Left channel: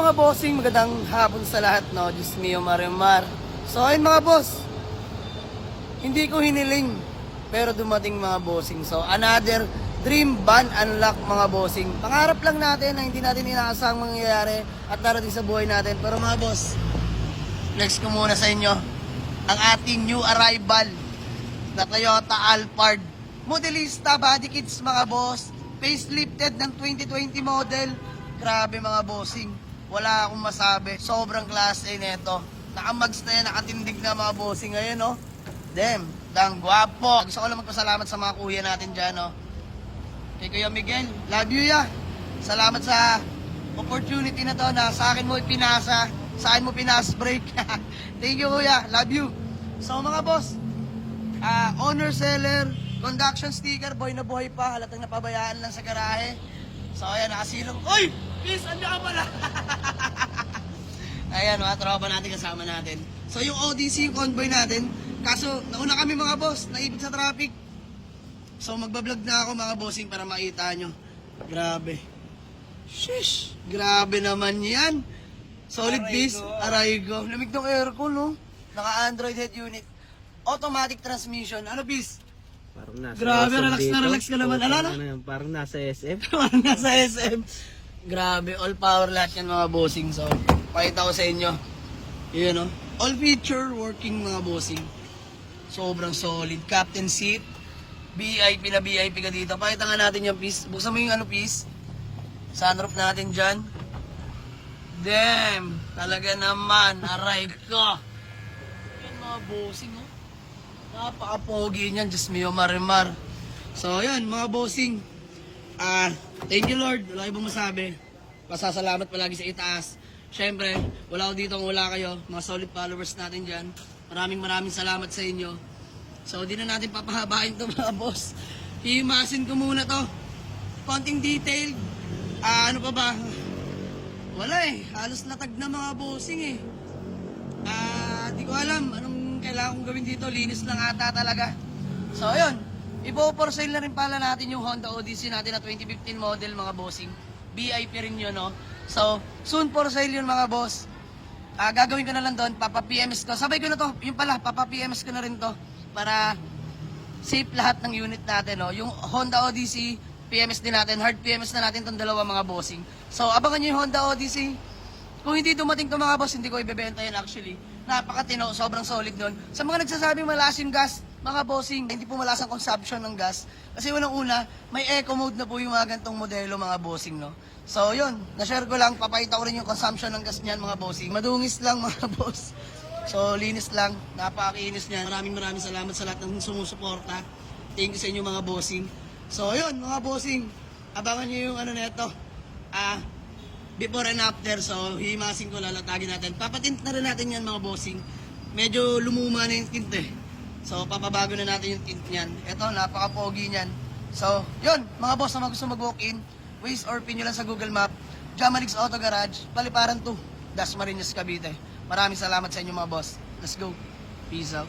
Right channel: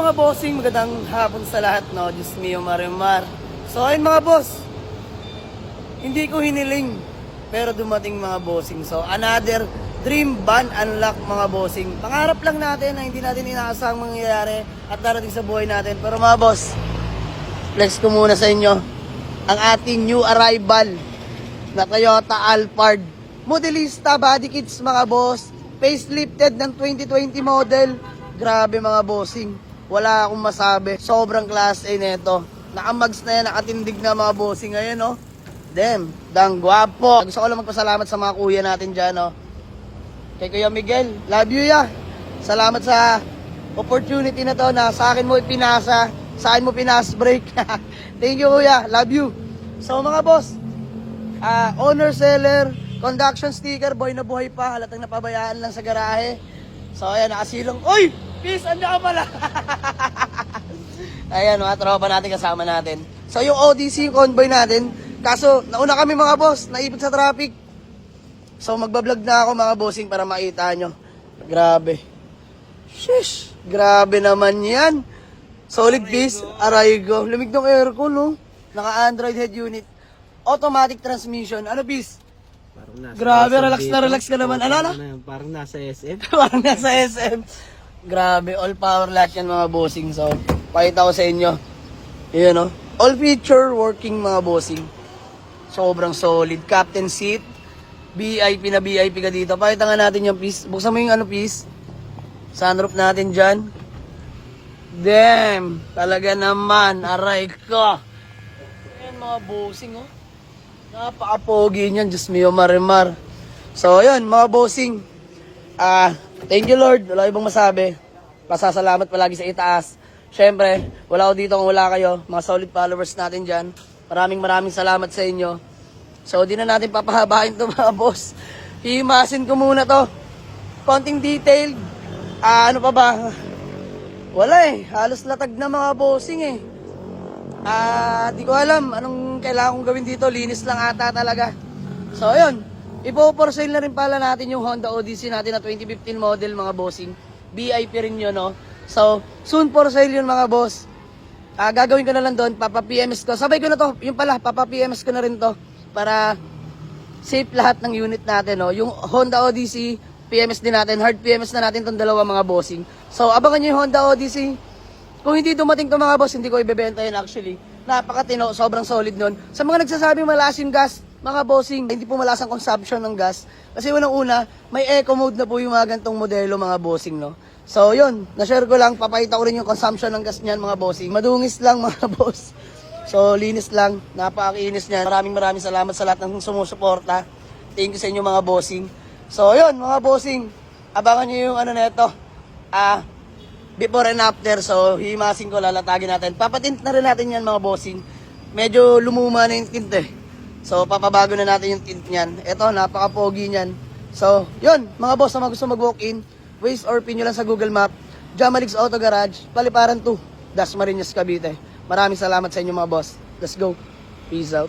mga bossing, magandang hapon sa lahat, no? Diyos mio, Marimar. So ayun mga boss, hindi ko hiniling, pero dumating mga bossing. So another dream van unlock mga bossing. Pangarap lang natin na hindi natin inaasahang mangyayari at darating sa buhay natin. Pero mga boss, flex ko muna sa inyo ang ating new arrival na Toyota Alphard. Modelista body kits mga boss, facelifted ng 2020 model. Grabe mga bossing, wala akong masabi. Sobrang class A nito. Nakamags na yan, nakatindig na mga bossing. Ngayon, no? Damn, dang gwapo. Gusto ko lang magpasalamat sa mga kuya natin dyan, no? Kay Kuya Miguel, love you ya. Salamat sa opportunity na to na sa akin mo ipinasa, sa akin mo pinas break. Thank you kuya, love you. So mga boss, owner seller, conduction sticker, boy na buhay pa, halatang napabayaan lang sa garahe. So ayan, nakasilong. Uy! Peace, anda ka pala! Ayan, mga tropa natin, kasama natin. So yung ODC, yung convoy natin, kaso nauna kami mga boss, naibig sa traffic. So magbablog na ako mga bossing para makita nyo. Grabe. Shish, grabe naman yan. Solid base, Arrigo. Lumig ng aircon, no? Naka-Android head unit. Automatic transmission. Ano, bis? Parang nasa Grabe, SM relax na dito. relax ka naman. Ano, ano? Parang nasa SM. Parang nasa SM. Grabe, all power lahat yan mga bossing. So, pakita ko sa inyo. Yun, no? All feature working mga bossing. Sobrang solid. Captain seat. VIP na VIP ka dito. Pakita nga natin yung piece. Buksan mo yung ano piece. Sunroof natin dyan. Damn! Talaga naman. Aray ko. Ayan mga bossing, oh. Napaka-pogi niyan. Diyos mio, Marimar. So, ayun, mga bossing. Thank you, Lord. Wala ibang masabi. Pasasalamat palagi sa itaas. Siyempre, wala ako dito kung wala kayo. Mga solid followers natin dyan. Maraming salamat sa inyo. So, di na natin papahabain to mga boss. Hihimasin ko muna to. Konting detail. Ano pa ba? Wala eh. Halos latag na mga bossing eh. Di ko alam anong kailangan kong gawin dito. Linis lang ata talaga. So, ayun. Ipo-for sale na rin pala natin yung Honda Odyssey natin na 2015 model mga bossing. VIP rin yun, no? So, soon for sale yun mga boss. Gagawin ko na lang doon. Papa-PMS ko. Sabay ko na to. Yung pala, papa-PMS ko na rin to. Para safe lahat ng unit natin, no? Yung Honda Odyssey, PMS din natin. Hard PMS na natin itong dalawa mga bossing. So, abangan nyo yung Honda Odyssey. Kung hindi dumating to mga boss, hindi ko ibebenta yun actually. Napakatino, sobrang solid nun. Sa mga nagsasabing malakas yung gas, mga bossing, hindi po malakas ang consumption ng gas. Kasi unang-una, may eco mode na po yung mga gantong modelo mga bossing, no? So, yun, na-share ko lang, papakita ko rin yung consumption ng gas niyan mga bossing. Madungis lang mga boss. So, linis lang, napakakinis niyan. Maraming salamat sa lahat ng sumusuporta. Thank you sa inyo mga bossing. So, yun mga bossing, abangan nyo yung ano neto. Before and after, so hihimasin ko, lalatagin natin. Papatint na rin natin yan mga bossing. Medyo lumuma na yung tint eh. So papabago na natin yung tint niyan. Ito, napaka-pogi niyan. So, yun, mga boss na gusto mag-walk-in, Waze or pin nyo lang sa Google Map, Jamalix Auto Garage, Paliparan 2, Dasmariñas, Cavite. Maraming salamat sa inyo mga boss. Let's go. Peace out.